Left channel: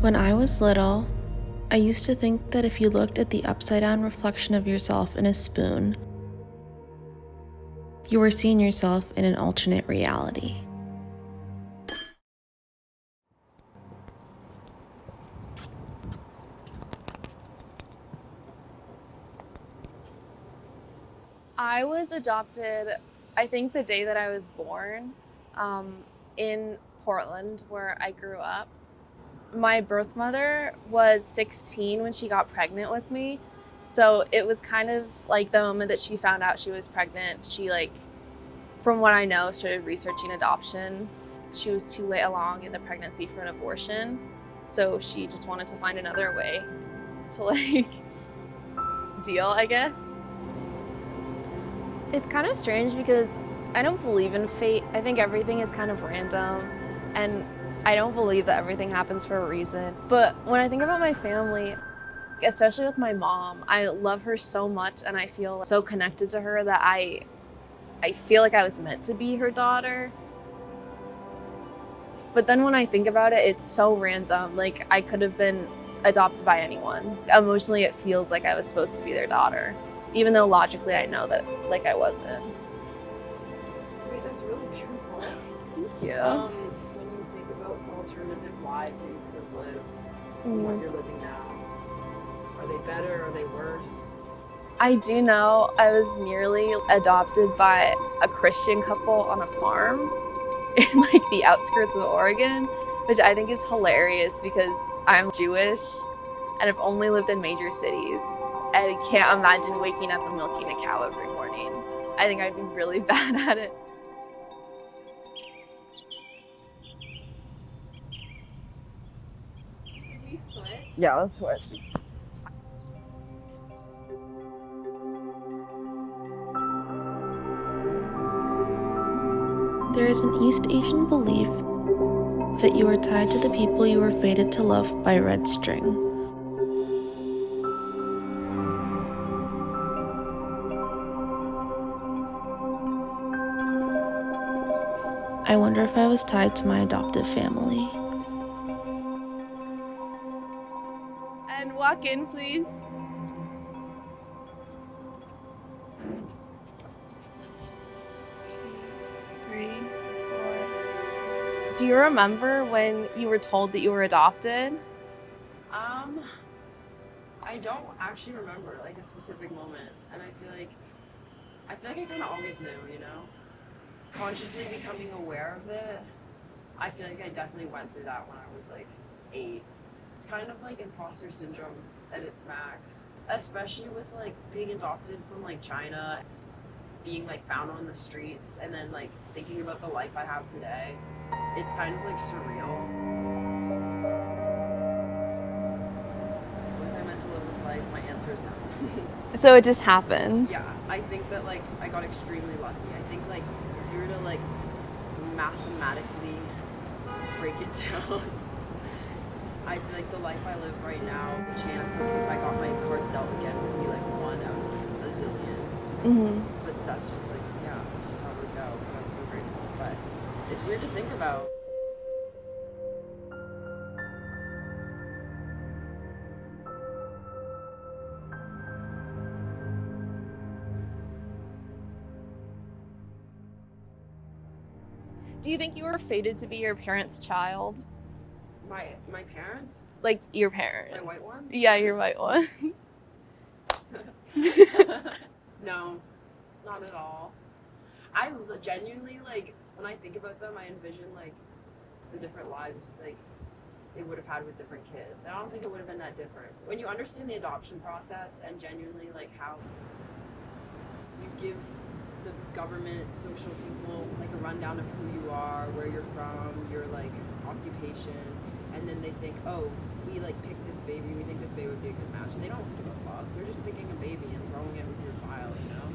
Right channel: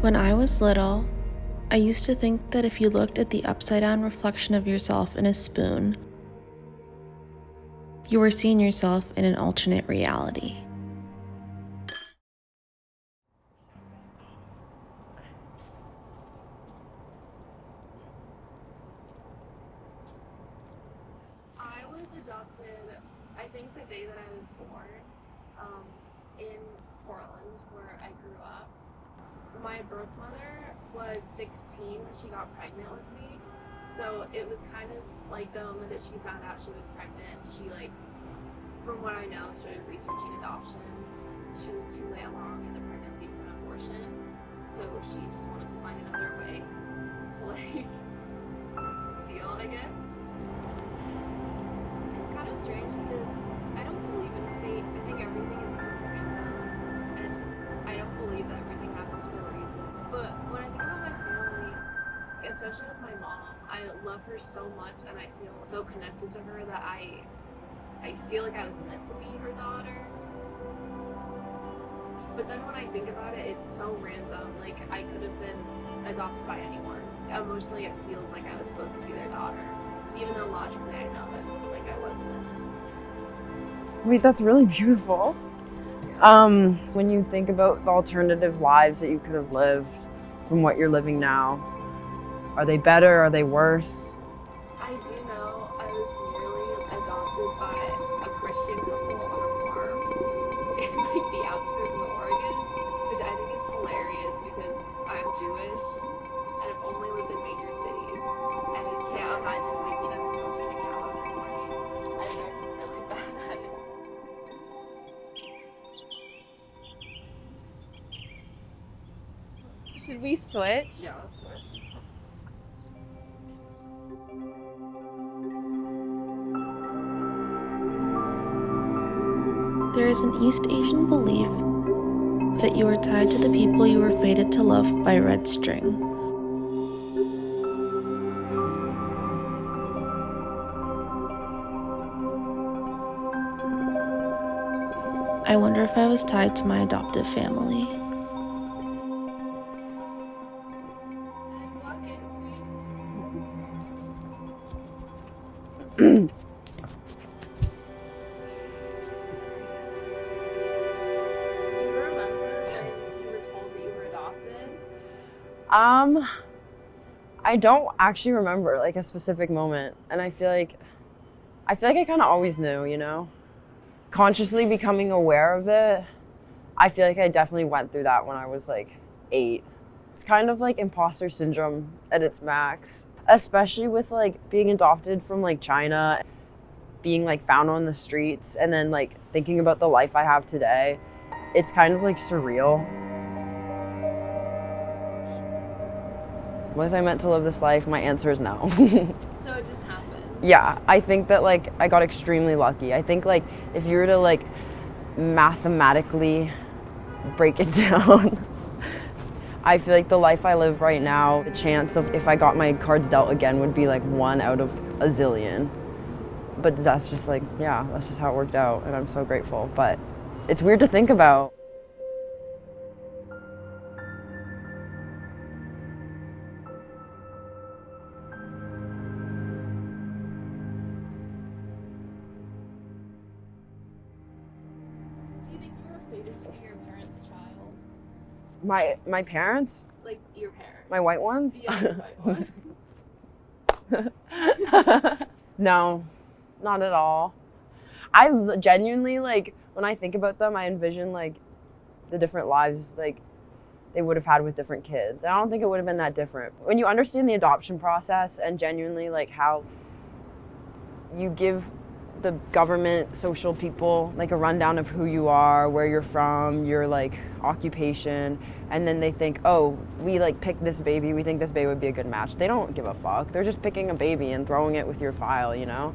When I was little, I used to think that if you looked at the upside-down reflection of yourself in a spoon, you were seeing yourself in an alternate reality. I was adopted, I think the day that I was born, in Portland, where I grew up. My birth mother was 16 when she got pregnant with me. So it was kind of like the moment that she found out she was pregnant, she from what I know, started researching adoption. She was too late along in the pregnancy for an abortion. So she just wanted to find another way to deal, I guess. It's kind of strange because I don't believe in fate. I think everything is kind of random, and I don't believe that everything happens for a reason. But when I think about my family, especially with my mom, I love her so much and I feel so connected to her that I feel like I was meant to be her daughter. But then when I think about it, it's so random. Like, I could have been adopted by anyone. Emotionally, it feels like I was supposed to be their daughter, even though logically I know that I wasn't. Wait, that's really beautiful. Yeah. When you think about the alternative lives that you could have lived from what you're living now, are they better? Are they worse? I do know I was nearly adopted by a Christian couple on a farm in the outskirts of Oregon, which I think is hilarious because I'm Jewish and I've only lived in major cities. And I can't imagine waking up and milking a cow every morning. I think I'd be really bad at it. Should we switch? Yeah, let's switch. There is an East Asian belief that you are tied to the people you were fated to love by red string. I wonder if I was tied to my adoptive family. And walk in, please. Do you remember when you were told that you were adopted? I don't actually remember like a specific moment, and I feel like I kind of always knew, you know? Consciously becoming aware of it, I feel like I definitely went through that when I was like 8. It's kind of like imposter syndrome at its max, especially with like being adopted from like China, being like found on the streets, and then like thinking about the life I have today. It's kind of like surreal. Was I meant to live this life? My answer is no. So it just happened. Yeah, I think that like I got extremely lucky. I think like if you were to like mathematically break it down, I feel like the life I live right now, the chance of if I got my cards dealt again would be like 1 out of a zillion. But that's just like, yeah, that's just how it worked out, and I'm so grateful. But it's weird to think about. Do you think you were fated to be your parents' child? My parents? Like your parents? My white ones? Yeah, your white ones. No, not at all. I genuinely, like, when I think about them, I envision, like, the different lives, like, they would have had with different kids. And I don't think it would have been that different. When you understand the adoption process and genuinely, like, how you give the government, social people, like, a rundown of who you are, where you're from, your, like, occupation, and then they think, oh, we, like, picked this baby, we think this baby would be a good match. They don't give a fuck. They're just picking a baby and throwing it with your file, you know?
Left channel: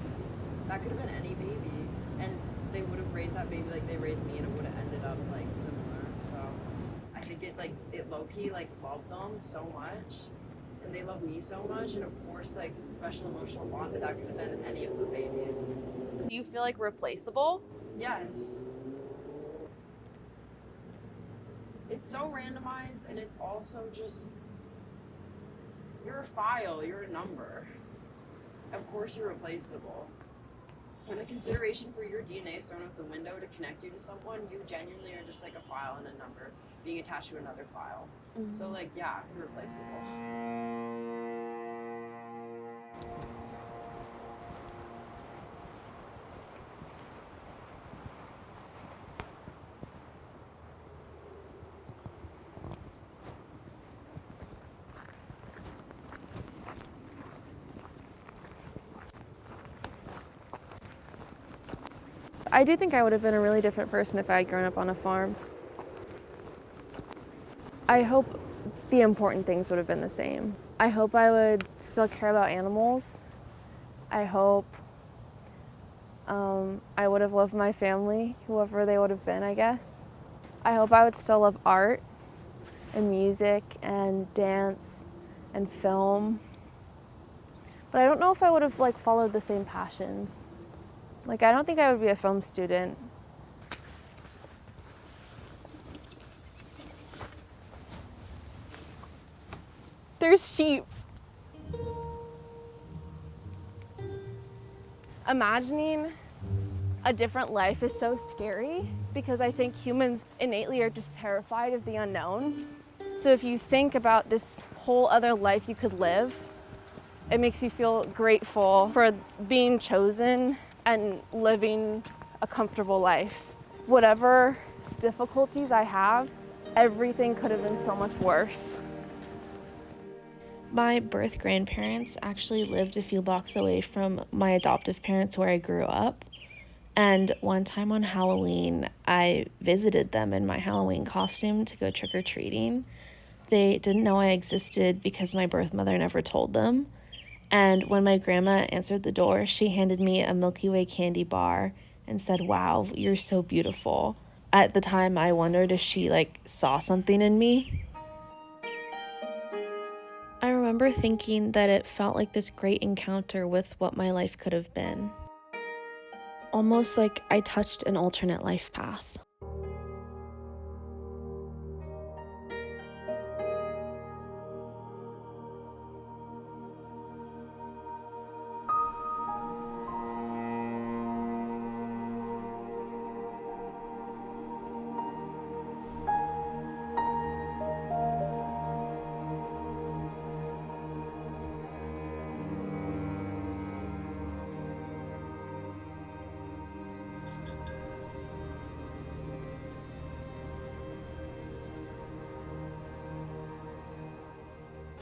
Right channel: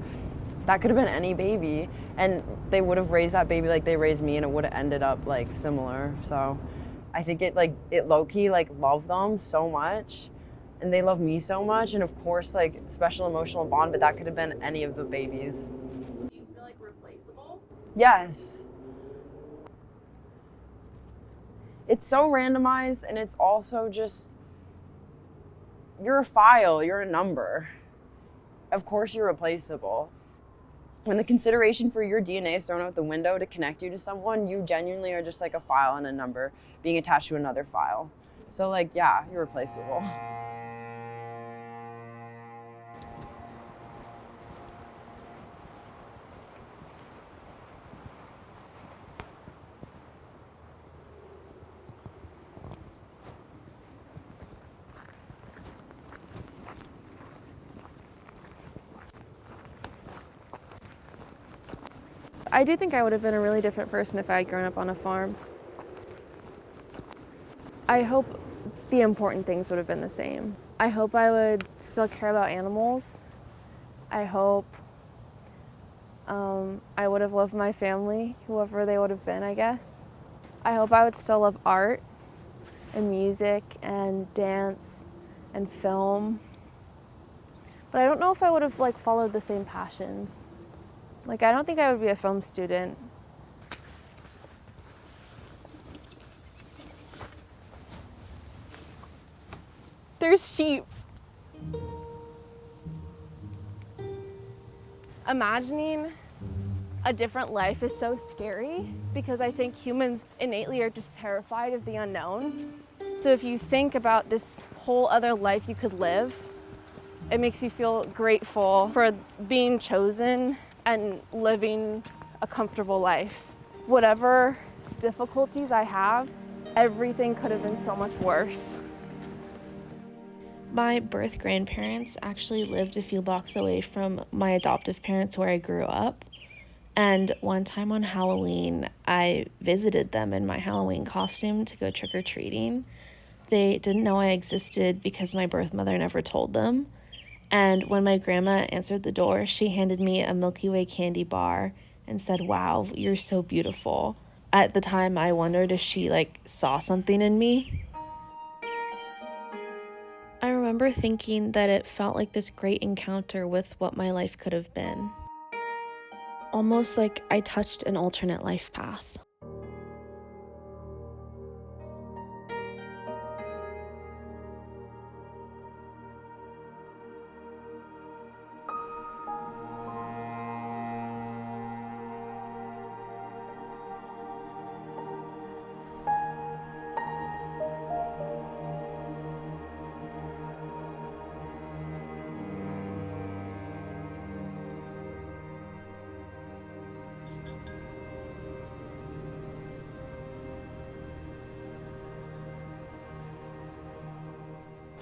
That could have been any baby, and they would have raised that baby like they raised me, and it would have ended up like similar. So I think it low-key like love them so much, and they love me so much, and of course like special emotional bond, but that could have been any of the babies. Do you feel like replaceable? Yes. it's so randomized, and it's also just, you're a file, you're a number. Of course you're replaceable. When the consideration for your DNA is thrown out the window to connect you to someone, you genuinely are just like a file and a number being attached to another file. So like, yeah, you're replaceable. I do think I would have been a really different person if I had grown up on a farm. I hope the important things would have been the same. I hope I would still care about animals. I hope I would have loved my family, whoever they would have been, I guess. I hope I would still love art and music and dance and film. But I don't know if I would have like followed the same passions. Like, I don't think I would be a film student. There's sheep. Imagining a different life is so scary because I think humans innately are just terrified of the unknown. So if you think about this whole other life you could live, it makes you feel grateful for being chosen and living a comfortable life. Whatever difficulties I have, everything could have been so much worse. My birth grandparents actually lived a few blocks away from my adoptive parents where I grew up. And one time on Halloween, I visited them in my Halloween costume to go trick-or-treating. They didn't know I existed because my birth mother never told them. And when my grandma answered the door, she handed me a Milky Way candy bar and said, "Wow, you're so beautiful." At the time, I wondered if she saw something in me. I remember thinking that it felt like this great encounter with what my life could have been. Almost like I touched an alternate life path.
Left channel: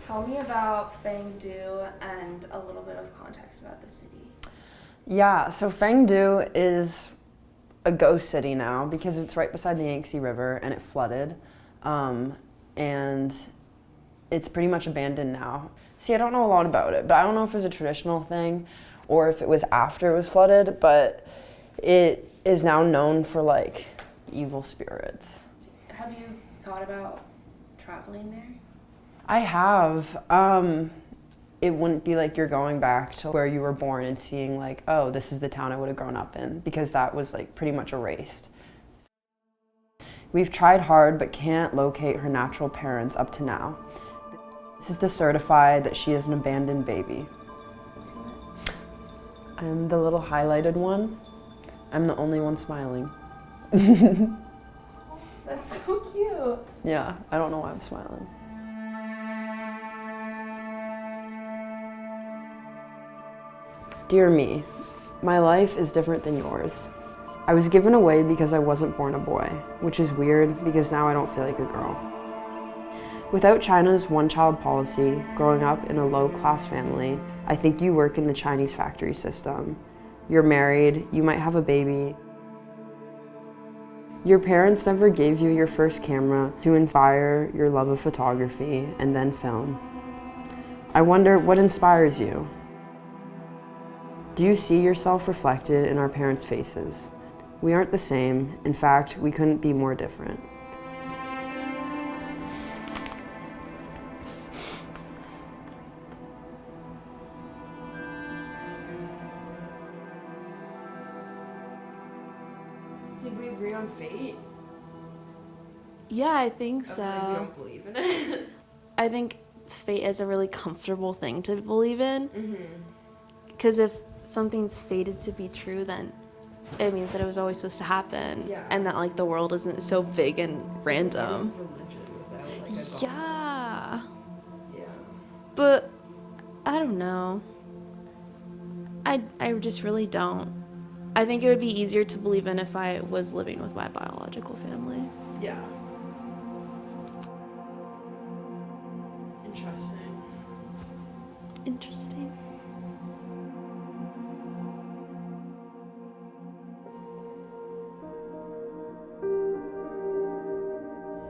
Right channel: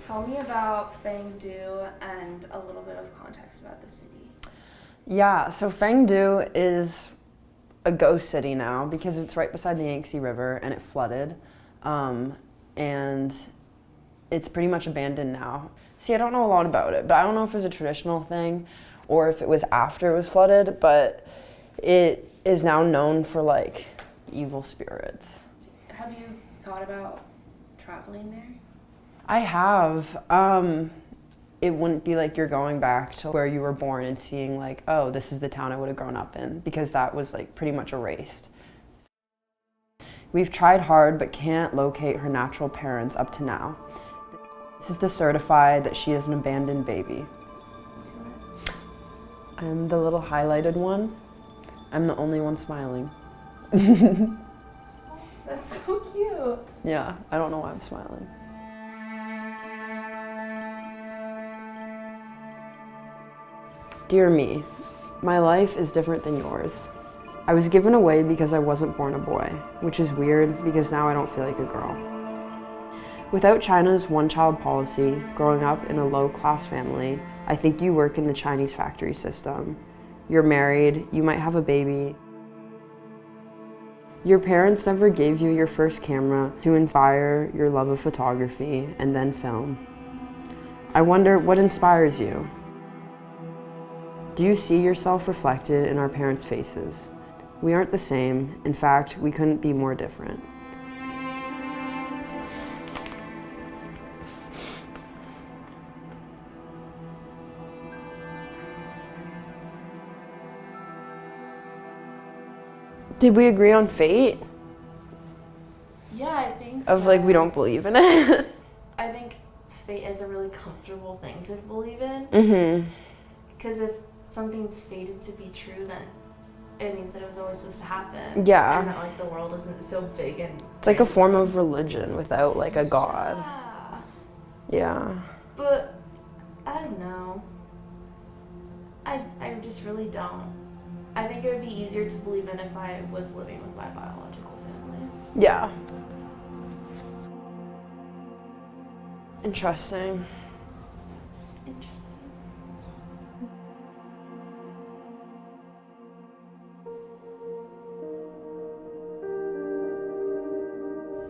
Tell me about Fangdu and a little bit of context about the city. Yeah, so Fangdu is a ghost city now because it's right beside the Yangtze River and it flooded. And it's pretty much abandoned now. See, I don't know a lot about it, but I don't know if it was a traditional thing or if it was after it was flooded, but it is now known for evil spirits. Have you thought about traveling there? I have. It wouldn't be like you're going back to where you were born and seeing oh, this is the town I would have grown up in, because that was pretty much erased. We've tried hard but can't locate her natural parents up to now. This is to certify that she is an abandoned baby. I'm the little highlighted one. I'm the only one smiling. That's so cute. Yeah, I don't know why I'm smiling. Dear me, my life is different than yours. I was given away because I wasn't born a boy, which is weird because now I don't feel like a girl. Without China's one-child policy, growing up in a low-class family, I think you work in the Chinese factory system. You're married, you might have a baby. Your parents never gave you your first camera to inspire your love of photography and then film. I wonder what inspires you. Do you see yourself reflected in our parents' faces? We aren't the same. In fact, we couldn't be more different. Did we agree on fate? Yeah, I think so. Of like, we don't believe in it. I think fate is a really comfortable thing to believe in. Mm-hmm. Because if something's fated to be true, then it means that it was always supposed to happen. Yeah. And that, like, the world isn't so big and It's like a form of religion without, like, a god. Yeah. Yeah. But, I don't know. I just really don't. I think it would be easier to believe in if I was living with my biological family. Yeah. Interesting. Interesting.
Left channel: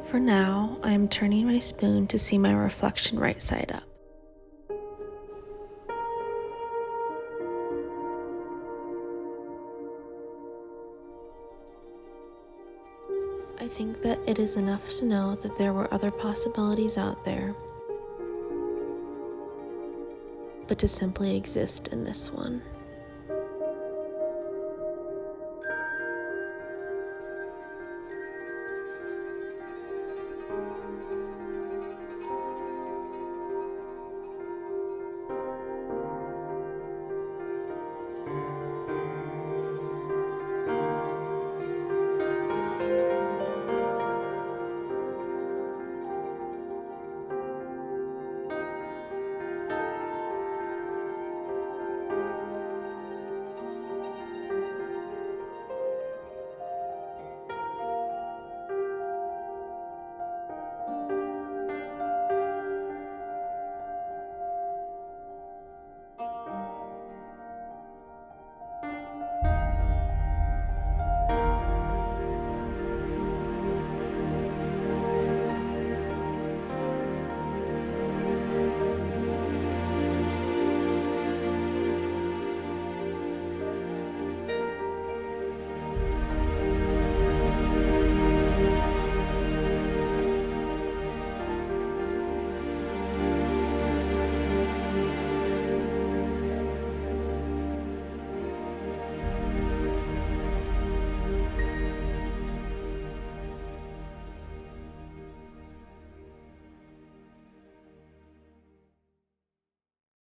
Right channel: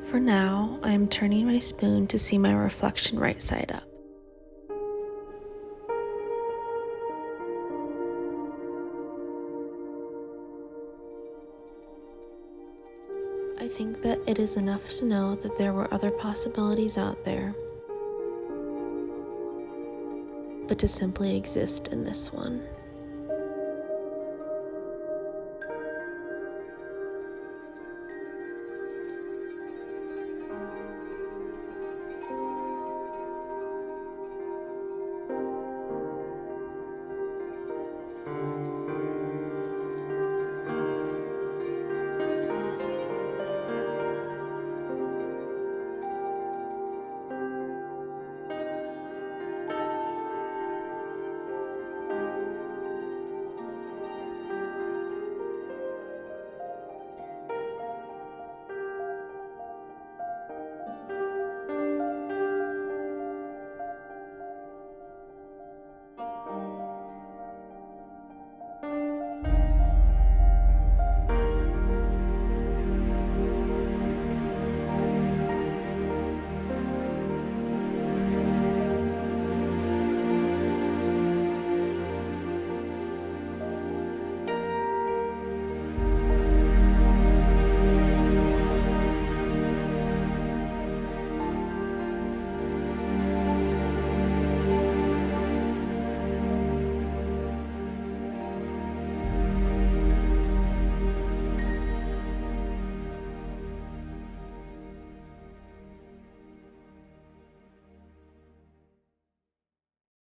For now, I am turning my spoon to see my reflection right side up. I think that it is enough to know that there were other possibilities out there, but to simply exist in this one.